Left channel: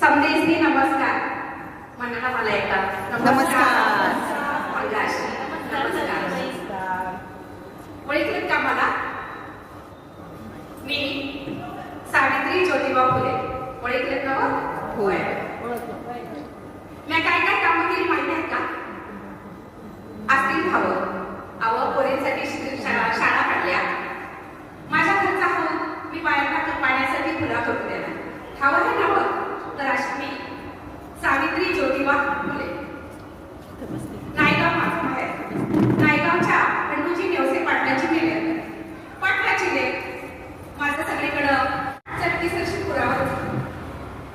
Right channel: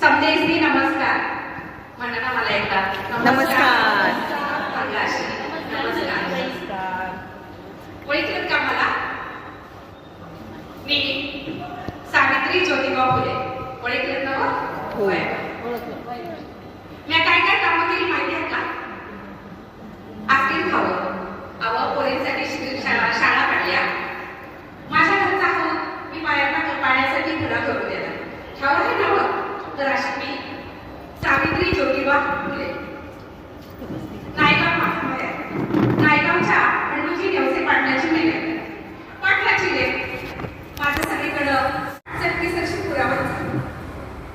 समदेशनी नमस्कार म्हणा ना मला एकदा नमस्कार. नमस्कार. ओळखलं का मला? मी सावित्री ज्योतिबा फुले. ओळखलं ना? होय. मी काय काय कामं केली माहिती आहे का? आस्तीन खावं, पोरींसाठी शाळा काढल्या. माझ्या घरचा हाऊस मी पाण्यासाठी खुला करून दिला. ठाव आहे ना? तर अशी मी सावित्री ज्योतिबा फुले. नायगाव माझं माहेर. नायगावच्या खंडूजी नेवसे पाटलाची लेक. पाटलाची लेक. माझं सगळीकडं चटकीसरशी पुरावर.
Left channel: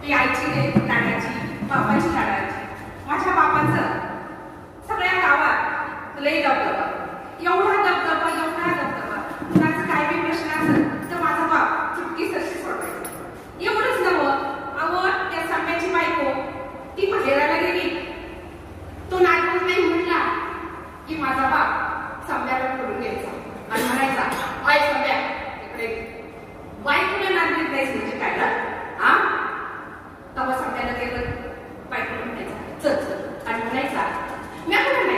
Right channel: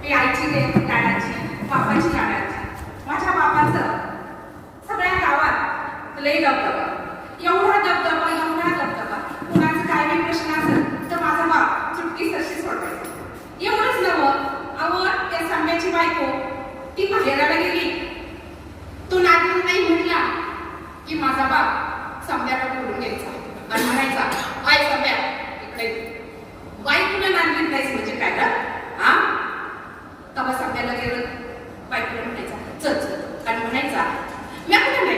मी आईची लेक, लाडाची, बापाची लाडाची. माझ्या बापाचं सगळ्या गावात लई दबदबा. एवढा दबदबा. कुणाचं काय बी प्रश्न असेल तर माझा बाप चुटकीसरशी सोडवायचा. एवढंच नवं, त्या साम्याची बायको ती माहेराला गेली. तो नातवंड नाही म्हटला की माझा बाप साम्याला बोलून घ्यायचा आणि म्हणायचा, आय साम्या इकडे. बायकोला नांदीत नाहीस म्हणजे काय ना? हा? तेव्हा साम्याला गेलं. बायकोला म्हणायचा, चल चल, आणि म्हणायचा, म्या कुठे नाही.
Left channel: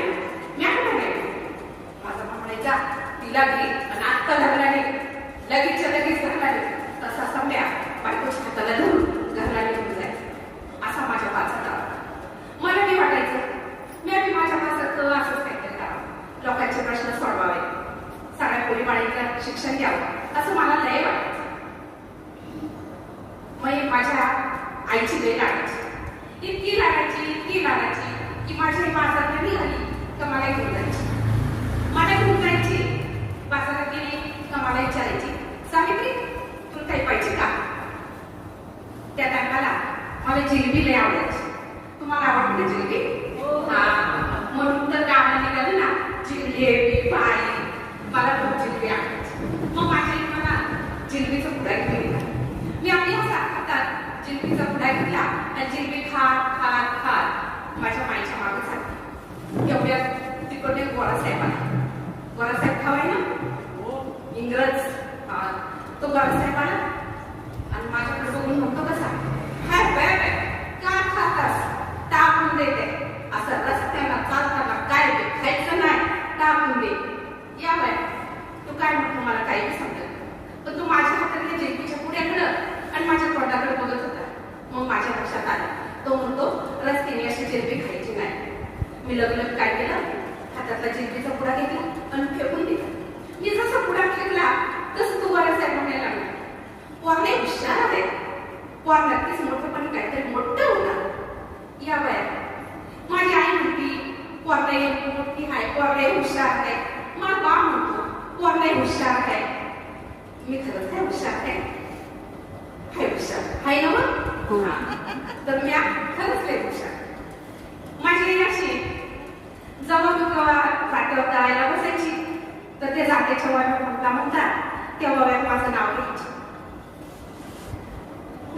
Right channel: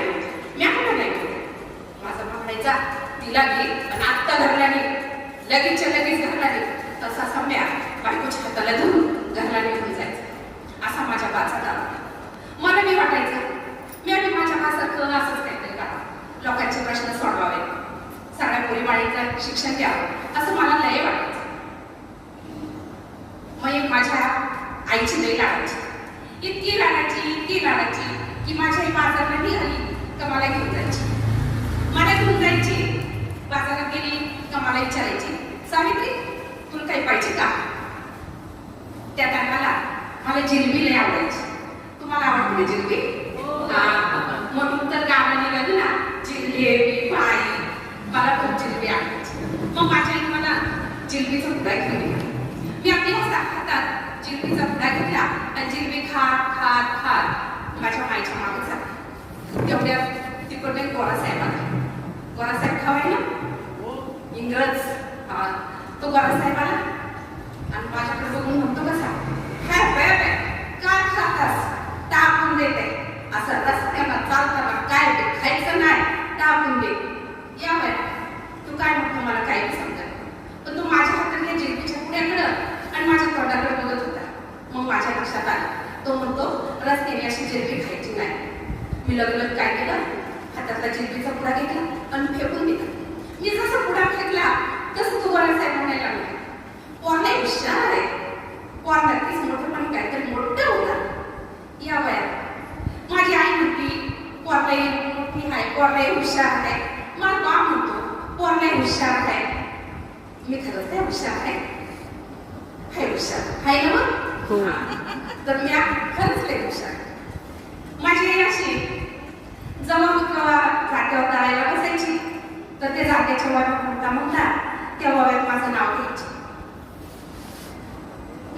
माझा बाप म्हणायचा, तिला घे आणि आत्ता घरला नाही. लगेचच्या लगेच घरला नाही. तसा साम्या बायकोच्या हाताला धरून घरला निघून जायचं. असा माझ्या बाचा होता. मला मी वाटायचं मी आधी माझ्या बासारखं असंच काहीतरी करावं, लोकांचे प्रश्न सोडवावे, सगळ्या पोरीबाळीचं शिक्षण द्यावं, असं मला लय वाटायचं. मग एक माझ्या आईची लई लाडायची. इतकी लाडायची की माझी आई बाजारला निघाली तर मला घेऊन जायची. बाजारात गेली का मला विचारायची, सावित्री तुला काही पाहिजे का? त्या टायमाला मला जिलबी लय आवडायची. तुम्हाला आवडते जिलबी? म्हणून तर गावाला निघाली ना, जिलेबी पाई, मला खूप जिलबी आवडायची. मग माझ्या आई मला जिलबीचा पुडा घेऊन दिला. मी आपल्या हातात जिलबीचा पुडा घेतला आणि जिलबी खात माझ्या माईच्या मागे झाली. तेवढ्या तिकडे गोरासाहेब आला. गोरासाहेब खावाय ना, इंग्रज. तो गोरासाहेब आला आणि माझ्याकडे बघून म्हणतो, कसा काय खातास? टाकून देते. असं रस्त्याला चालताना काय ते खायचं नाही, टाकून दे. या बाय, तू काय म्हणतो मला काही समजत, पण तू माझ्या हातात जिलबीच्या पुढ्याकडं आणि माझ्या तोंडाकडे बघत होता. मग माझ्या लक्षात आलं, तो म्हणतो रस्त्याने अशी जिलबी खायची नाही. मी लगेच काय केलं, हातातला जिलबीचा पुडा घेतला आणि फेकून दिला. मी जसा पुडा फेकला तसं तू गोरासाहेब म्हणायला लागला, पोरला हुशार आहे. पोर नक्कीच मोठं पण काहीतरी मोठं होणार. या बाया, माझी आई म्हणती पोरला मोठी आहे, पोरला हुशार आहे. मला बा म्हणतो पोरला हुशार आहे. मी खरंच आहे हुशार आहे. हुशार आहे ना मग? तर मी खरंच लय हुशार. माझी आई अशी जेव्हा मी जात्यावर तळायला बसायची तर ते जात्याच्या वाट्यात म्हणता त्या वाव्यात माझं नाव घ्यायचे.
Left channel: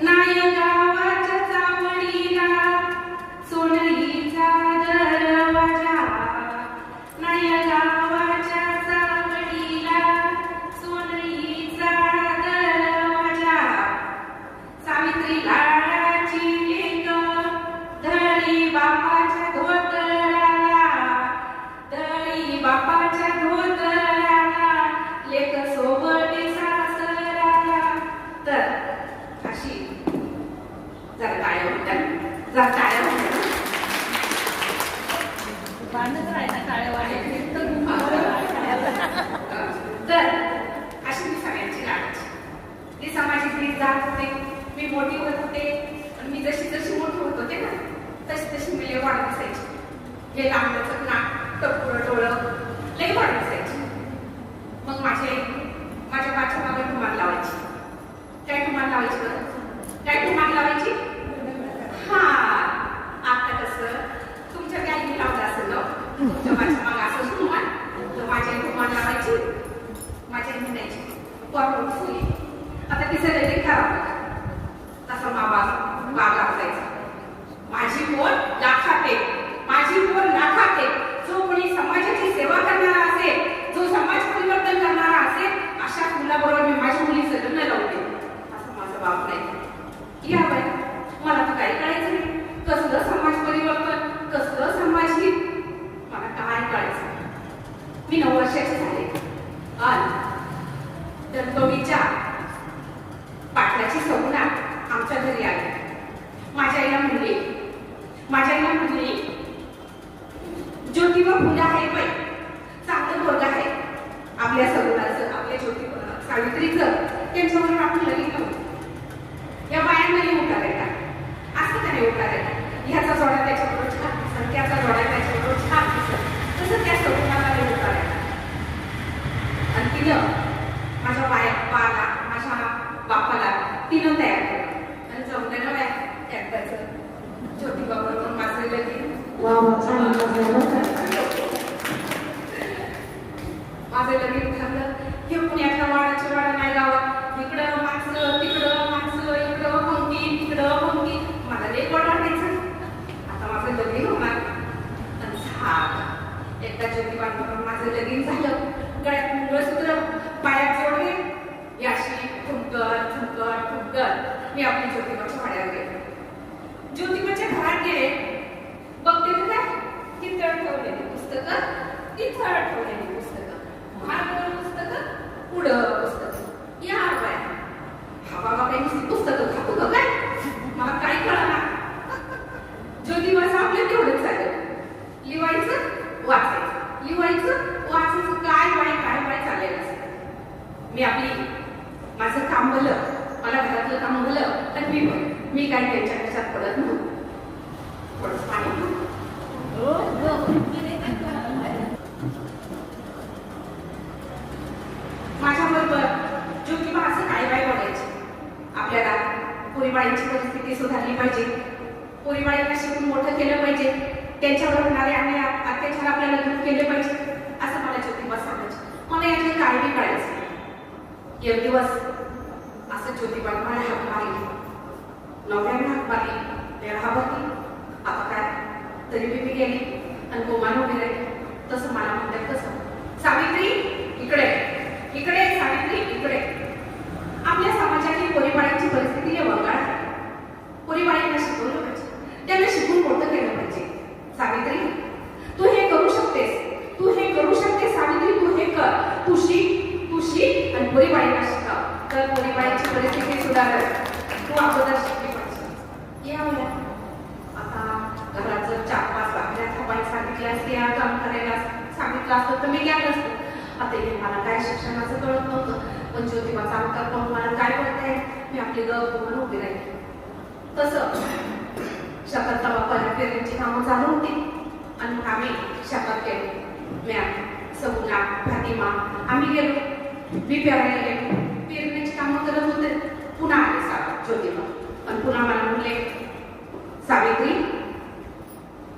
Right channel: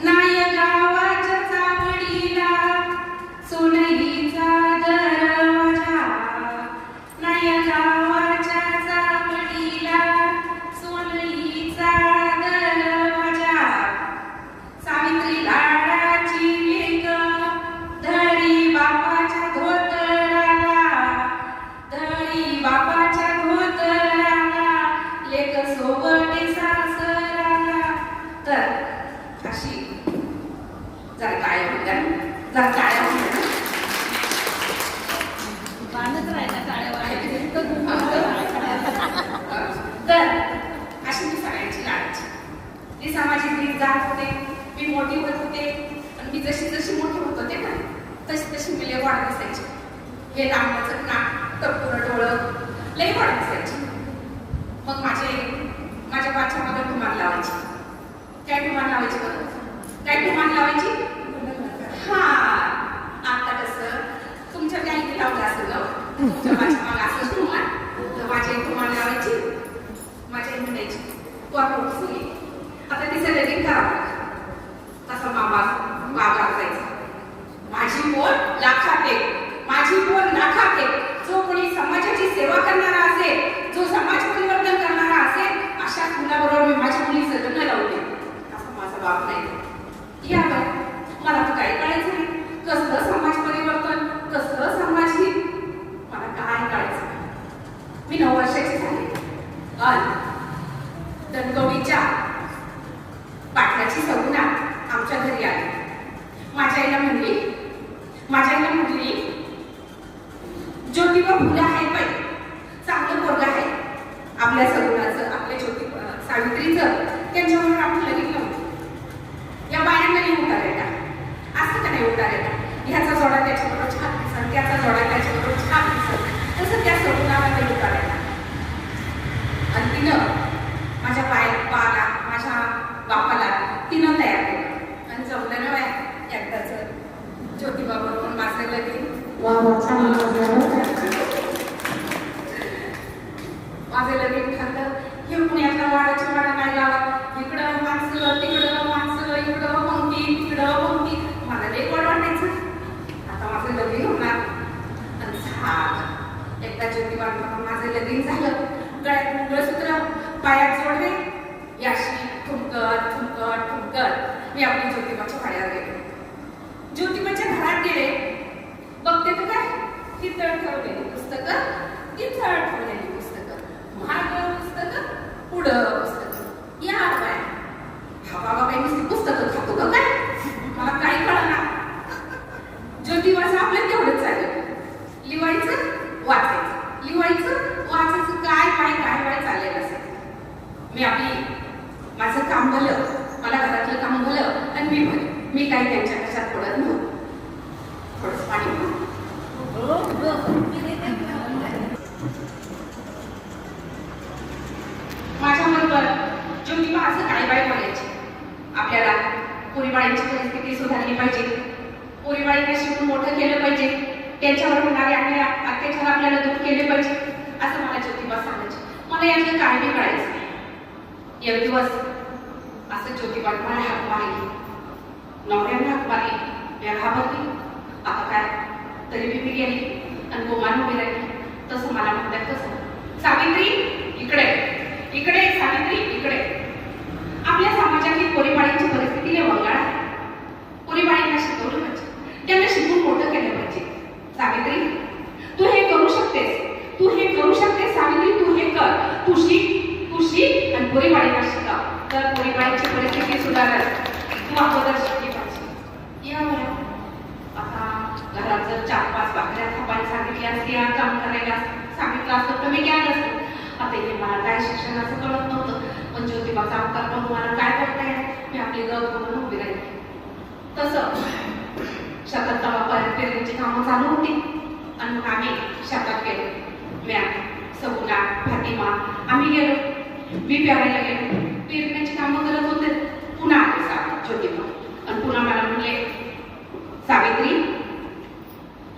नाय गावाच्या चावडीला सोनईचा दरवाजा. नाय गावाच्या चावडीला सोनईचा दरवाजा. सावित्री लाडाची लेक धडी बापाच्या धोतराला लेक सोबती सासराला. तर अशी जरा काय तर अशी मी सगळ्यांची लाडायची. ती सामाजिक रीत जात होते, मी मोठी होत होते आणि मी जशी मोठी होत होते ना तशी मी लय वाढत असायची. हे लांबचं नाक, टप्पूर डोळं लय वाढत असायची. मग माझ्या पाठच्या मागे टुमान लावायची. काय टुमान लावायची? हा, आता कसं तुमच्या गाईने लावलं असेल ना, तुमच्या माझ्या मागे असं टुमान, तर माझी टुमान लावायची. माझी आई म्हणायची, पोर फुली आता तिचं लगेच करावं. तसा बाबा असायचा. माझी पोर लाखात एक. जो कोणी समाजाची सेवा करणारा असेल, जो समाज परिवर्तन करणारा असेल, अशा मुलाबरोबर मी माझ्या मुलीचं लग्न लावले. असं माझा बाप नाही. या बाई मला तर काही कळायचं नाही. कसलं समाज परिवर्तन, कसलं समाज हित, मला काय कळायचं नाही. मी 9 वर्षाची झाले आणि दणकवडीच्या पाटलाची सगुणा आमच्या घरी आली. माझ्या आईला म्हणली ज्योतिबा फुले आहे बाई, चांगलं पोरगं आहे. आपल्या सगुणाचं, आपल्या सावित्रीचं त्यांच्यावर आपण लगीन लावू. या बायांनाही उताराय का? असं का नाही उताराय का? ह्याचा जोडा त्याच्याबरोबर छान दिसत, त्याचा जोडा त्याच्याबरोबर छान दिसत, तसं त्या सगुणाला नाही उताराय का? आणि तिनं माझ्या बापाला तिनं तयार केलं आणि जमलं ना एकदाच ज्योतिबा बरोबर माझं लगीन. माझं लगीन झालं. हे पुण्याच्या वाड्याच्या वाडा नाही गावात, इकडं माणसं तिकडं माणसं, इकडं पंक्ती तिकडं पंक्ती. मला लई गोड वाटायचं. आता माझं लगीन होणार आणि झालं. एकदा ज्योतिबा माझं लगीन झालं. गळ्यात मंगळसूत्र, पायात जोडले, याशी ठुमकत ठुमकत ठुमकत मी आपली ज्योतिबाच्या वाड्यावर गेले. ज्योतिबाच्या घरात गेले. बघते तर काय, तिथं ठेवलेली पुस्तकं, तिथं ठेवलेली पुस्तकं, मागं पुस्तकं, पुढं पुस्तकं. या बाय हा बाबा काही नुसती पुस्तकं खातो का काय? मला काही कळना. ज्योतिबाचं आपलं तेवढंच चालेल, लिवायचं वाचायचं, लिवायचं वाचायचं, काय बाय चाललेलं असं. मी माझं काम भलं, मला घरातलं काम भलं तर मी काही त्यांच्या कशात पडत नव्हतं. थोडंच पाणी माझ्याबरोबर ज्योतिबा असं काय बाय बोलायचे. आपल्याला पोरीबाळींची परिस्थिती सुधारली पाहिजे, पोरीबाळींना शिकून मोठं केलं पाहिजे, त्यांच्यावर होणारे अत्याचार आपल्याला दूर केले पाहिजे, असं मला ज्योतिबा सांगायचे. मला यातलं काही बी कळायचं. एक दिवस असं ज्योतिबा मला हाक मारली, नवऱ्याने हाक मारली, घाबरली. आता काय तरी मी गेली आणि गोमान उभी राहिली. तसं मला म्हणतात तसं, सावित्री इकडे इकडे, सावित्री इकडे. आपल्या समाजातली पोरीबाळींची परिस्थिती लय वंगाळ आहे. पोरीबाळींना शिकवलं पाहिजे, त्यांना शिकून मोठं केलं पाहिजे. सावित्री तू हे करू शकतेस, तू हे करू शकतेस सावित्री, तू हे कर, तू शिक आणि पोरीबाळींना शिकव, तर पोरीबाळींची परिस्थिती सुधारेल. तू अगोदर शिकली पाहिजे. या आता घरात जर 4-5 भाकऱ्या थापायला सांगितल्या असत्या, काम करायला सांगितलं असतं तर मी केलं असतं. आता हे मला काय शिक्षणाचं कळत नव्हतं, पण ज्योतिबाचा अवतार पाहून मला काय करता येईल. मी आपली गत म्हणून उभी राहिली. तसं शेतात तवा पेरणीची कामं चालू होती आणि मग आम्ही शेतात गेलो. म्या, सगुणा, फातिमा आम्ही गेलो. मी प्यारायला गेलो, पेरण्याची कामं करत होते. पुन्हा आले ज्योतिबा आणि पुन्हा मला म्हणले, सावित्री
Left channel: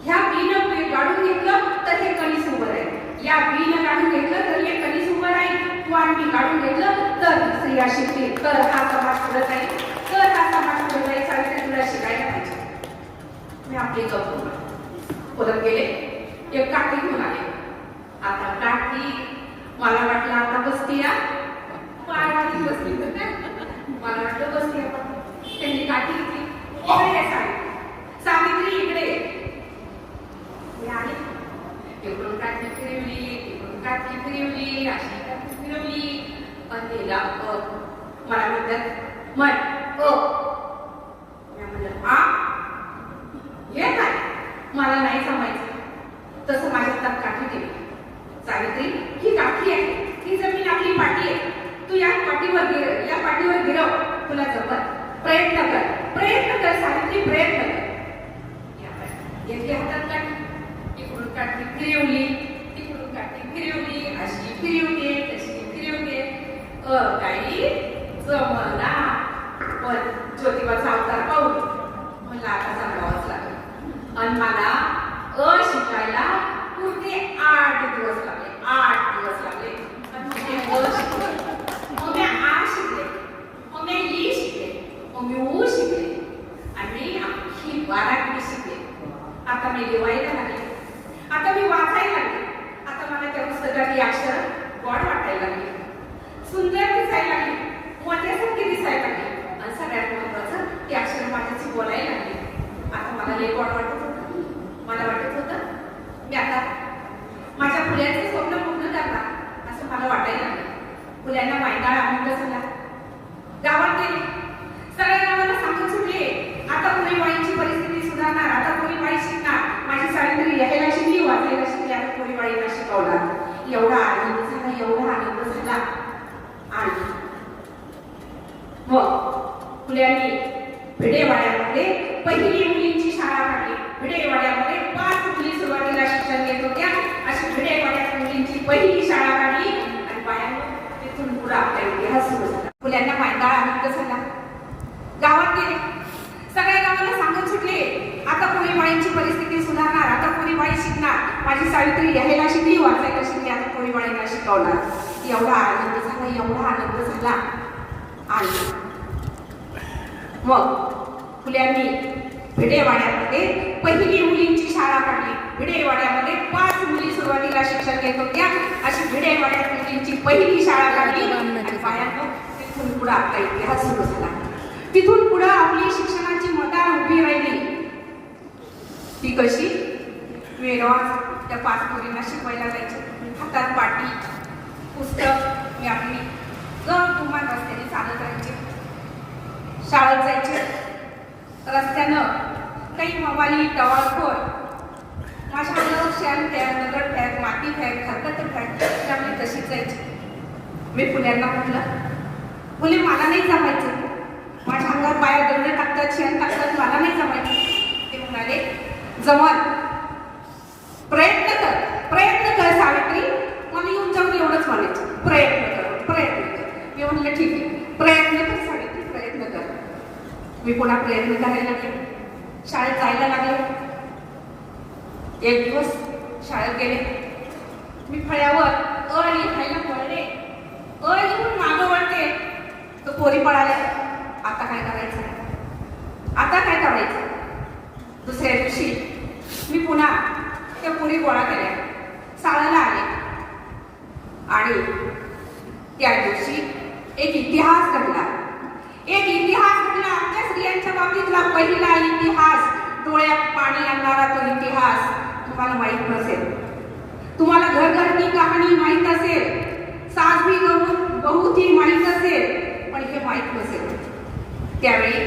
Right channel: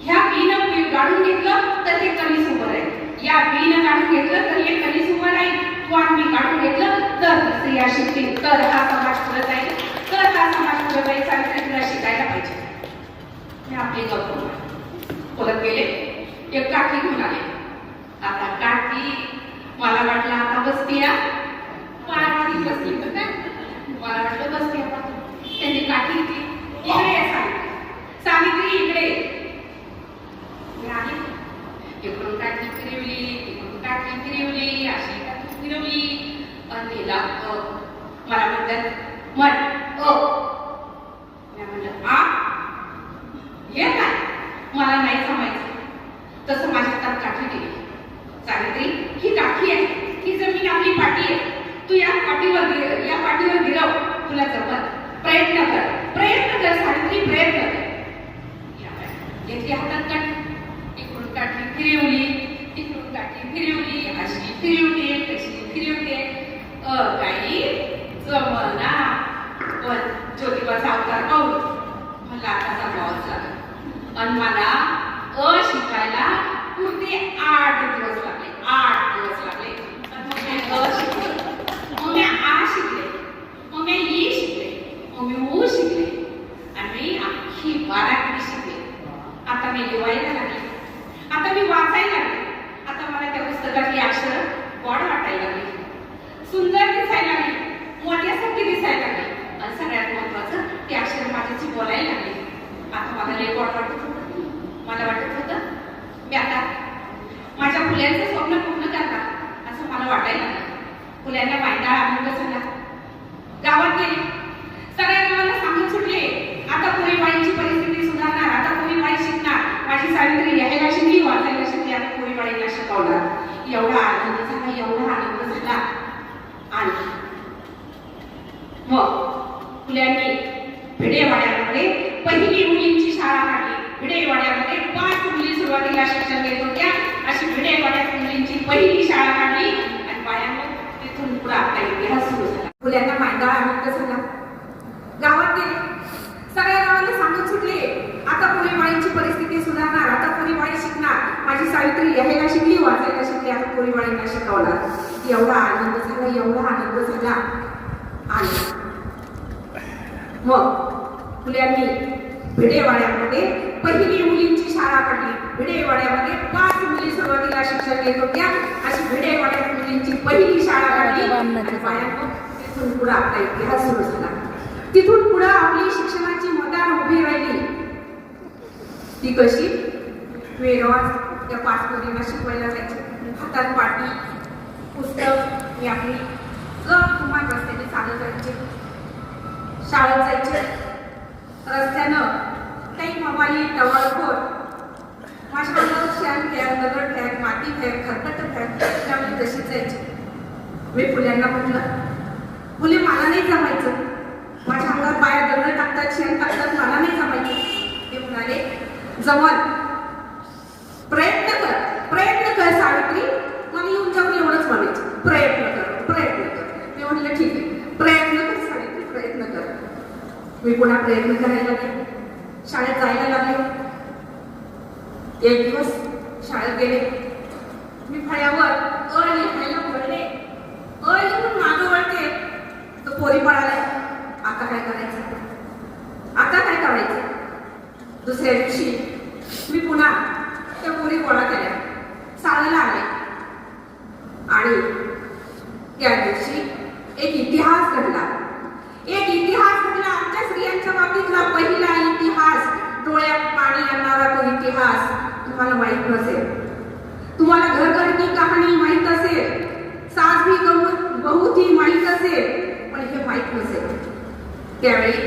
ह्या बीनं काढून घेतलं तर हे कणीस उभं राहील, या बीनं काढून घेतलं तर हे कणीस उभं राहील, तू आणि काढून घेतलं तर स्त्रिया शिकतील, तर हा समाज पुढे जाईल, तर हा समाज पुढे जाईल. सावित्री तुला शिकायला पाहिजे. मी आपली गप्प परत गेले. एक काठी घेऊन आले. आता काठी मला वाटलं आता बसतीया पायावरती बसली, मला वाटलं बसतीया. त्यांनी काठी घेतली. सावित्री इकडे. मी आली. इकडून काठी फिरवली, इकडून काठी फिरवली, अशी काठी फिरवली आणि तिला मला म्हणतात म्हण मी म्हणलं आ हे काय, मला नाही जमायचं. तसं माझ्या हातात काठी दिली. सावित्री ही काठी आहे, ही जमीन आपली पाठी आहे, तू या पाठीवर गिरव, तुला जमत. प्रयत्न कर सावित्री, प्रयत्न कर. घेतली हातात काठी, इकडून काठी फिरवली, इकडून काठी फिरवली, अशी फिरवते तशी फिरवते, काही जमना. पण ज्योतिबाचा अवतार पाहून मला आता जमवावंच लागलं आणि मला शिकायला पुढे 8 दिवस लागले. 8 दिवस लागले. मग मी आ शिकले, मग मी ई शिकले, मग मी ऊ शिकले आणि अख्खी 12 शिकले. आता मी लिवायला लागले, आता मी वाचायला लागले. आता मला त्या पुस्तकातली अक्षर गोड वाटायला लागली, सुंदर दिसायला लागली, मोठ्यासारखी दिसायला लागली आणि सगळ्यात महत्वाचं ते अक्षर माझ्याची बोलायला लागले. आता मला लय वाटत होतं. मला वाटत होतं मी आता माझ्या फुल्यांचे स्वप्न पूर्ण करणार असं मला वाटायला लागलं. फुल्यांना मायनाळ आनंद झाला. गावात गेले, सगळ्या गावाला सांगून सुटले, आता पोरीवाळीची परिस्थिती सुधारणार, आता पोरीवाळी शिकणार. माझी सावित्री लिहायला शिकली, वाचायला शिकली, आता पोरीवाळीला शिकवणार. एवढा आनंद झाला, एवढा आनंद झाला. आणि मग फुल्यांनी भिडेवाड्यामध्ये पहिली मुलींची शाळा काढली. भिडेवाड्यामध्ये 5 मुली सुरुवातीला शिक्षण घेत होत्या. अशी भिडेवाड्यात मुलींची पहिली शाळा काढली आणि बायांना तिथून पुढे आपला इतिहास सुरू झाला. फुल्यांना मायंदाळ आनंद झाला. गावात गेले, सगळ्या गावाला सांगत सुटले, आता पोरीवाळीची परिस्थिती सुधारणार, आता पोरीवाळी शिकणार. माझी सावित्री लिहायला शिकली, वाचायला शिकली, आता पोरीवाळीला शिकवणार. एवढा आनंद झाला, एवढा आनंद झाला. आणि मग फुल्यांनी भिडेवाड्यामध्ये पहिली मुलींची शाळा काढली. भिडेवाड्यामध्ये 5 मुली सुरुवातीला शिक्षण घेत होत्या. अशी भिडेवाड्यात मुलींची पहिली शाळा काढली आणि बायांना तिथून पुढे आपला इतिहास सुरू झाला. तिथून पुढे आपली शिक्षणाची मदार उभी राहिली. ती कशी? मी रोज त्या 5 मुलींना शिकवायला जायचे. हातात पाटी, पुस्तक, मी आपली तुम्हा रस्त्याने चालत जायचे, शाळेत जायचे. रस्त्यानं काही मवाली टवाळखोर माझ्या अंगावर शेण फेक, दगड फेक, माती फेक, खरकट फेक, त्यामुळे तशीच जायची. मी फुल्यांना म्हटलं, फुले मला नाही जमायचं, माझ्या अंगावर पाया दगड टाकतात, शेण टाकतात, मला नाही जमायचं. ते म्हणाले, जमल, प्रयत्न कर, प्रयत्न कर सावित्री. मला येऊन जाऊन एवढंच म्हणायचं, प्रयत्न कर, प्रयत्न कर. मी म्हटलं ठीक आहे, प्रयत्न कर सावित्री, प्रयत्न कर. मी पुन्हा प्रयत्न करायला लागले, शाळेत जायला लागले. एक दिवस शाळेत गेले, मी फळ्यावर अ लिहायला वळले, अ लिहून मागं वळते, तर पोरी पळाल्या. आता काय करायचं, आता काय करायचं? दुसऱ्या दिवशी मी पुन्हा त्या पोरी गोळा केल्या, शाळेला आले. आणि त्या दिवशी एक इतिहास घडला, एक इतिहास घडला. आमच्या स्त्रियांच्या बाबतीतला पहिला इतिहास, डोळ्यात पाणी आणणारा तो इतिहास तुम्हाला माहित नसेल. तुम्हाला घरघरती कहाणी माहित असेल, सास भी बहुत ही माहित असेल, पण हे माहित नसेल. त्यावेळी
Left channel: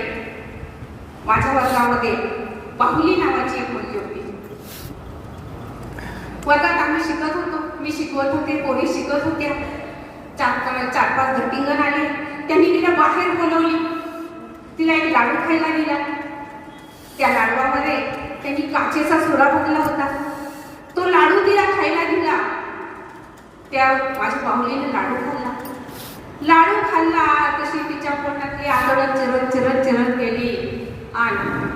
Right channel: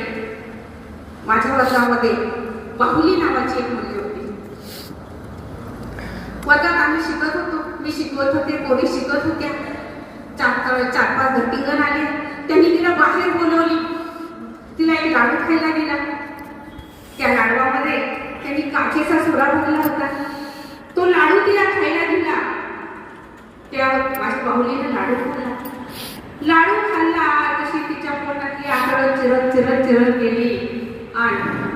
माझ्या वर्गामध्ये बाहुली नावाची एक मुलगी होती. वर्गात आम्ही शिकत होतो, मी शिकवत होते, पोरी शिकत होत्या. 4-5 घट्टिंगण आले, त्यांनी तिला बाहेर बोलवली, तिला एक लाडू खायला दिला. त्या लाडवामध्ये त्यांनी काचेचा सोडा भरला होता, तो लाडू तिला खायला दिला. त्या माझ्या बाहुलीने लाडू खाल्ला. लाडू खाल्ला तशी तिच्या पोटातली आगळं चिरत चिरत चिरत गेली आणि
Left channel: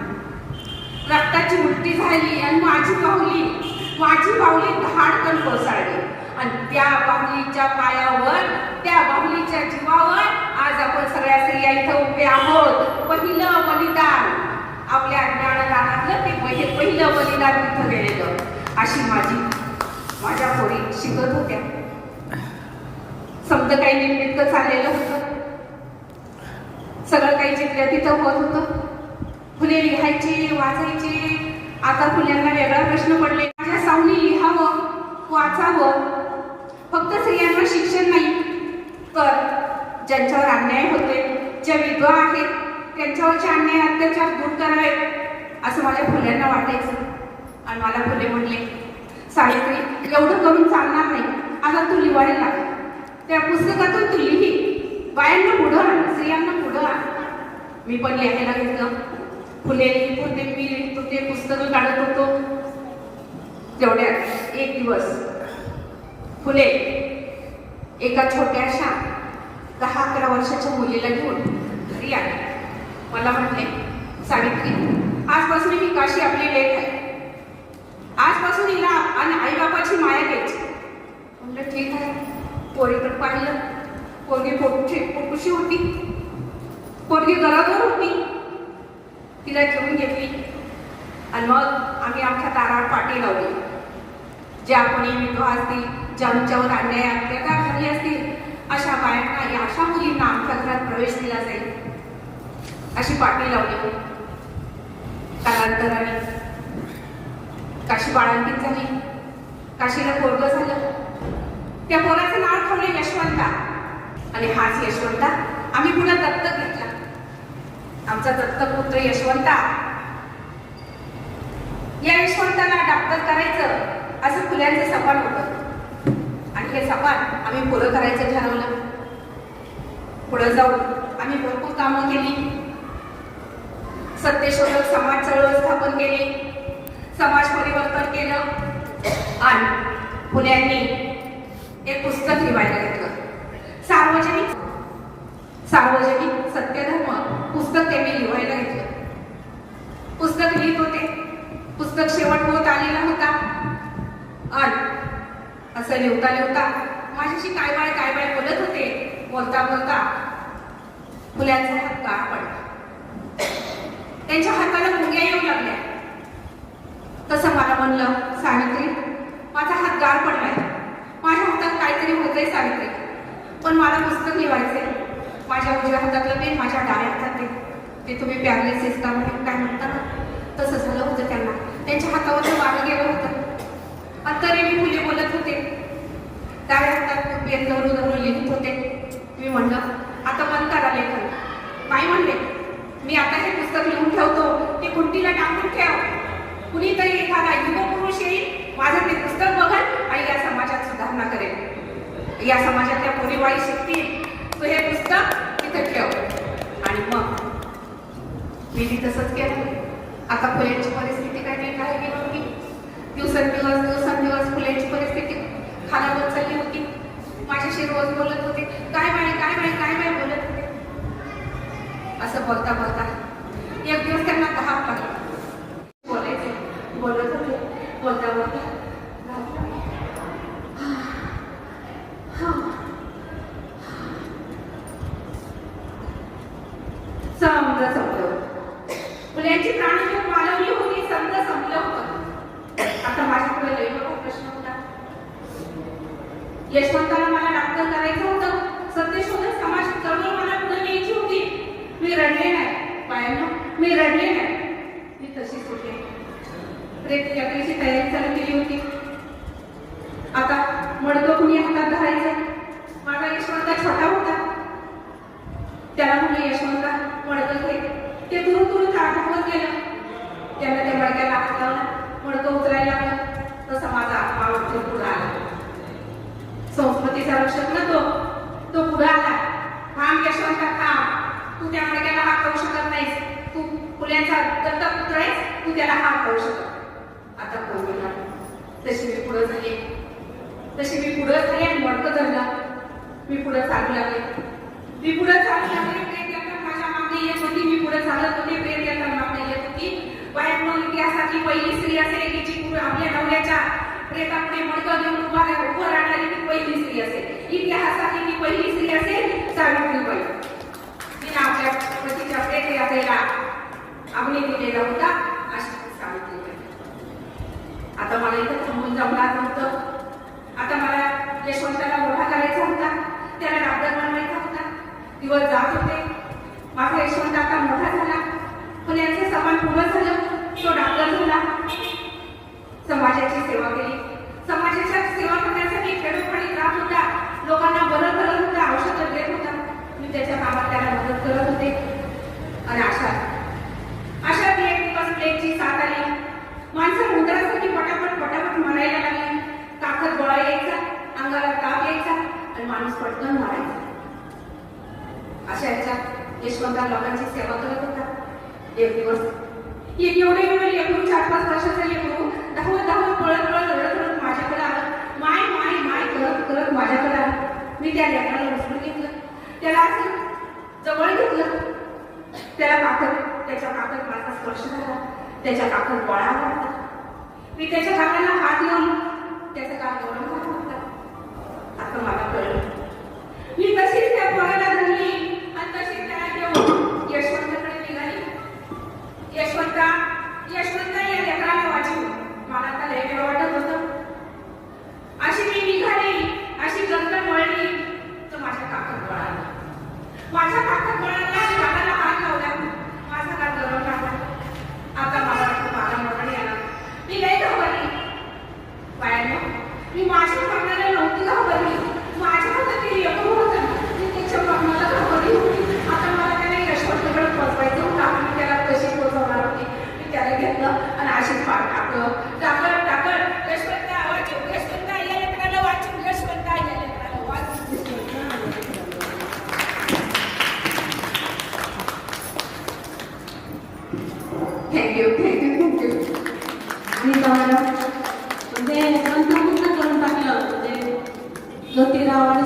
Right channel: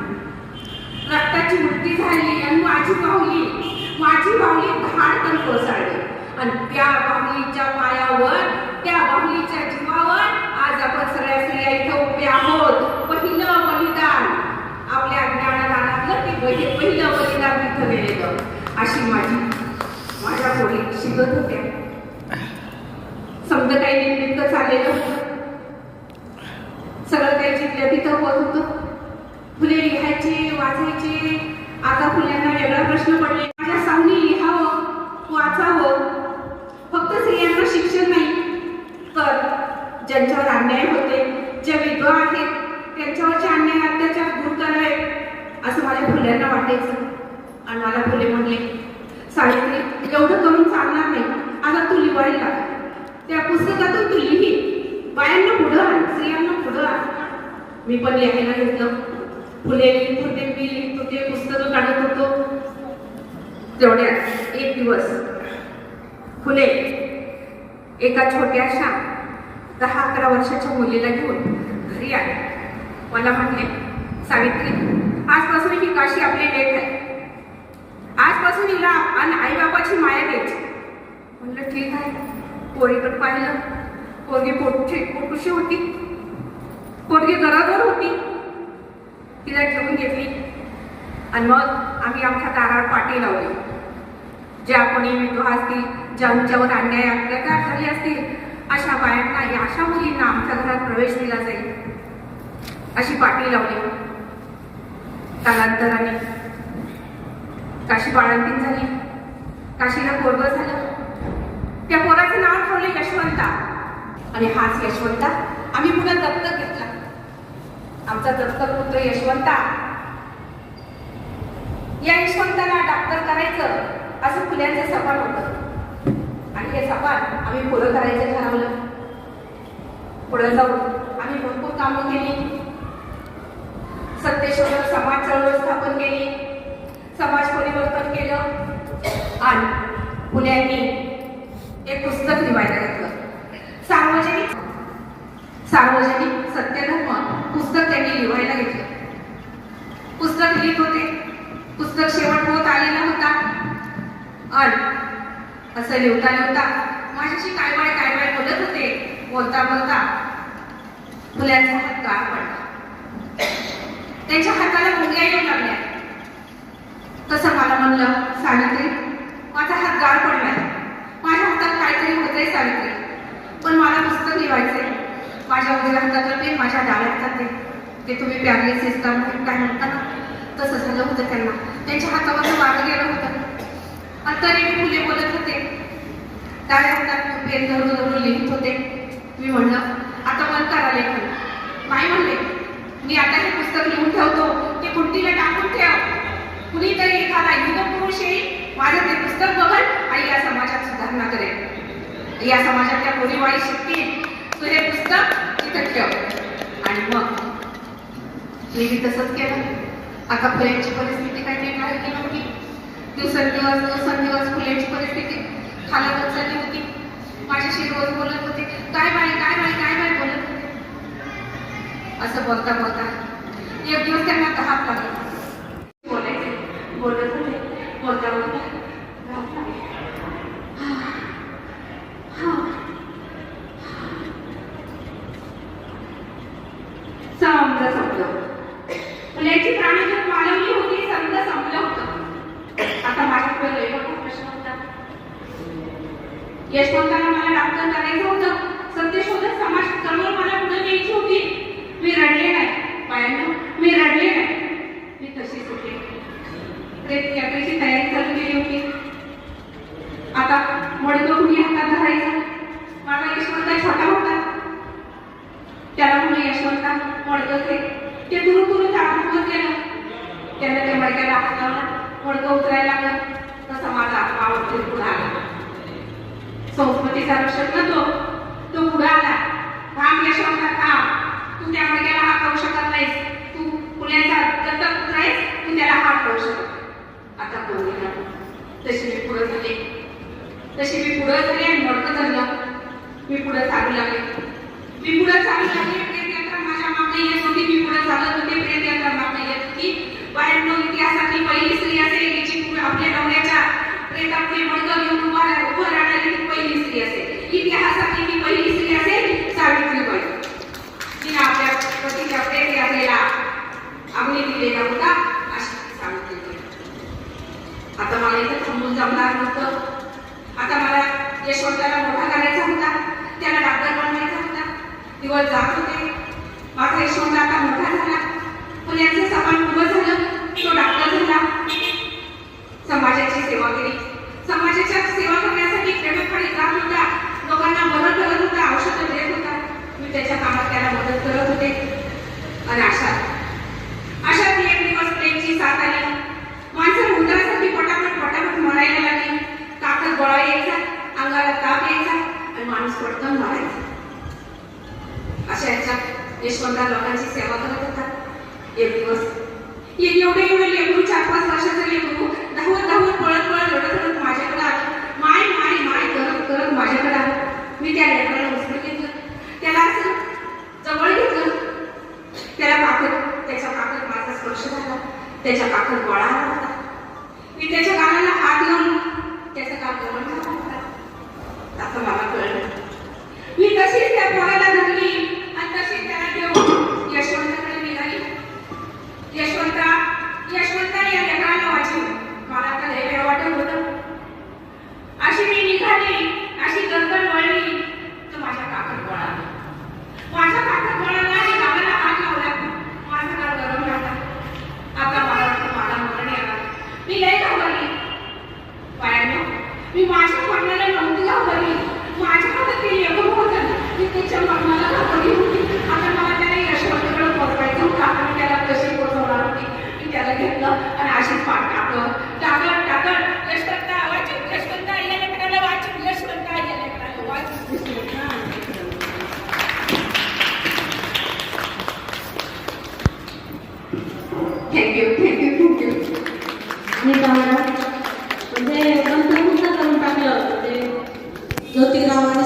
रक्ताची उलटी झाली. आणि माझी बाहुली धाडकन कोसळली. आणि त्या बाहुलीच्या पायावर, त्या बाहुलीच्या जीवावर आज आपण सगळ्या स्त्रिया इथं उभे आहोत. पहिलं बलिदान, आपल्या ज्ञानदानातलं ते पहिलं बलिदान तिथं गेलेलं. अशी माझ्या पोरी शिकत होत्या. समजा काही निमित्त चाललेलं होतं, सगळं काही जिथल्या तिथं होत होतं. फुले लिहायचे, वाचायचे. आता फुल्यांना वेगळा प्रश्न पडले, माझ्या सामने लिहावं, वाचावं. फक्त स्त्रियांना शिक्षण नाही, तर ज्यांच्यावर अन्याय होते, ज्या विधवा आहेत, त्यांच्यावरचे अन्याय अत्याचार दूर करावे असं माझ्या फुल्यांना वाटायचं. आणि मला फुले म्हणले, सावित्री एवढं करून चालणार नाही, आता तू लिहायला लाग. त्या पुस्तकातून तू लिही, बायांना पुढं आण, स्त्रियांना पुढं आण. मी पण लिहायला घेतलं. फुले लिहित होते, मी लिहित होते, पुस्तकं काढत होतो. तेवढ्यात एक दिवस फुले एका छोट्याशा 10-11 वर्षाच्या मुलीला घेऊन घरी आले. मला म्हटले, सावित्री आजपासून ही काशी आपली लेक आहे, आजपासून हिला आणि आई बापाची माया द्यायची. म्हणलं ठीक आहे. पोरीकडे पाहिलं, पोरगी पोटूशी होती, पोरगी गरजवर होती. तिला घेऊन घेतली आणि मग आम्ही आमच्या दारावर पाटी लावली. ज्या कोणी विधवा असतील, ज्यांच्यावर अन्याय अत्याचार झाले असतील, अशा बायांना, अशा मुलींना आमच्या घरात प्रवेश दिला जाईल अशी पाटी लावली. कालांतराने काशी बाळंतीण झाली, काशीला पोरगं झालं. त्या पोराचं नाव ठेवलं यशवंता. आणि हाच यशवंता आम्ही पुन्हा दत्तक घेतला. आमचा दत्तक पुत्र यशवंता. या यशवंताला डॉक्टर करायचं असं फुल्यांचं सपान होतं. आणि हे सपान आम्ही पुरं करायचं ठरवलं. पुढे जाऊन आम्ही भरपूर कामं केली. सत्यशोधक समाज चळवळ स्थापन केली, समाज परिवर्तन केलं. आणि फुल्यांनी एक पुस्तक लिहायला घेतलं, सार्वजनिक सत्यधर्म पुस्तक त्यांनी लिहायला घेतलं. पुस्तक लिहित होते. पुस्तक शेवट होत आलेला होता. आणि असं लिहिता माझ्याशी काय बाय बोलत होते. बोलता फुल्यांचा हात गाळ पडला. त्यांच्या हाताला मुंग्या येऊ लागल्या. तसं मला म्हणलं, सावित्री, माझा हात गाळ पडलाय, माझ्या हातात काहीतरी होतंय सावित्री, पण मला पुस्तक लिहायचंय. माझ्या उजव्या हातातलं पेन माझ्या डाव्या हातात ते तुम्ही पॅरालिसिस का काय म्हणता ना, तसं झालं होतं त्यांना. त्यांच्या हातावर वारं गेलं होतं. आणि तरी मी फुले बोलत होते. डाव्या हातात पेन धरून लिहित होते. मी म्हणलं, आता मन करा लेखन. काय म्हणले, मी आता हे पुस्तक लिहून ठेवतो, ते कुंडीला टाकून ठेव. कुणीतरी एखादा युगपुरुष येईल, माझं ते पुस्तक बघल आणि या समाजात सुधारणा करेल. या समाजातल्या कोणीवाळी शिकतील, तू हे पुस्तक तिथं ठेव. आणि मग मी तसंच केलं. आता फुल्यांची परिस्थिती काही नाही गेली होती. दिवसेंदिवस फुल्यांची परिस्थिती खालावत चालली होती. माझ्याशी रोज बोलत होते, काय बाई बोलत होते. असं बोलता एक दिवस त्यांना धाप लागली. बोलत होते, बोलता समजा संपलं. फुल्यांची प्राणीजीव मालवली होती, समजा संपलं होतं. आता माझ्याकडे लय मोठा प्रश्न होता. यशवंताला मला डॉक्टर करायचं होतं. सत्यशोधक समाज चळवळ मला पुढे न्यायची होती. मी रडले नाही बायांनो, मी रडले नाही. मी तशीच होते. यात्रेची तयारी चालू केली होती. आता मडकं कुणी हातात धरायचं. माझा यशवंता छोटा होता. त्याला म्हणलं, यशवंता मडकं घे. ते दुरू थांबत गेलं. त्याला त्या मडक्याला हात लावला, मडकं उतरायला लागलं. तसा माझा आवडतो पुढे आला. संस्कृतीचा रक्षक ना तो पुढे आला. थांब यशवंता, थांब. तू त्या मडक्याला हात लावू शकत नाहीस. तू पुण्याचा दत्तक पुत्र आहेस, तू त्याला हात लावू शकत. आता कोण गेला. तशी मी पुढे झाले आणि मडकं धरलं. मी पुढे चालू लागले. प्रेत यात्रा माझ्या मागे येत होती. मी पुढे चालत होते. प्रेत यात्रा मागे येत होती. बाहेरनं इतिहासातली पहिली स्त्री असेल की जी आपल्या नवऱ्याच्या प्रेतातले मडकं घेऊन उभं राहणारी ती पहिली स्त्री असेल. इतिहासातली ती पहिली स्त्री असेल सावित्रीबाई. तिने आपल्या पतीच्या प्रेत यात्रेला अग्नी दिलेला होता. अशी सावित्रीबाई. आता मला इथं थांबून जमणार नव्हतं. आता मला यशवंताला मोठा करायचा होता. त्याला डॉक्टर बनवायचा होता. दिवस जात होते. माझा यशवंत आता मोठा झाला. फुल्यांचं समान उभं झालं. तो डॉक्टर झाला. समाजाची सेवा केली. समाजाच्या सेवा करण्यासाठी खेडोपाडी जात होता. लोकांना बरं करत होता, औषधं देत होता. मी त्याच्या कामात त्याला मदत करत होते. आणि अशात एक दिवस प्लेगची साथ आली. माणसं उंदरासाठी पटापट मारायला लागली. ताकद गोळा यायचा, अंगाला ताप यायचा आणि माणूस पटकन मारायचा. अशा याच्यात यशवंता लोकांची सेवा करत होता. एक दिवस एवढे लेकरू 4-5 वर्षाचं लेकरू धावत पळत रडत माझ्याकडे आलं. माय करत माझ्याकडे आलं. मी त्या लेकराला उचलून घेतलं. त्याला असं जवळ घेतलं. त्याच्या पाकत माझा स्पर्श झाला. त्याच्या पाकत गोळा आला होता. मी त्याच्या गालाला हात लावून त्याचं काम गरम झालं होता. आता मला कळलं. मी तशीच त्या पोराला धरली आणि तशीच त्याला घेऊन यशवंताकडे निघाली. यशवंता या लेकराला वाचव. मला आता लय वेळ वाटत होतं. अशी मी निघाली, अशी गंगन वळली तर माझ्या काकड गोळा. माझ्या काकड गोळाला आणि गालाला हात लावला. माझा गाल गरम लागला. आता मला म्हणजे मंत्रमुग्ध करून टाकलं. म्हणजे ज्योतिराव आणि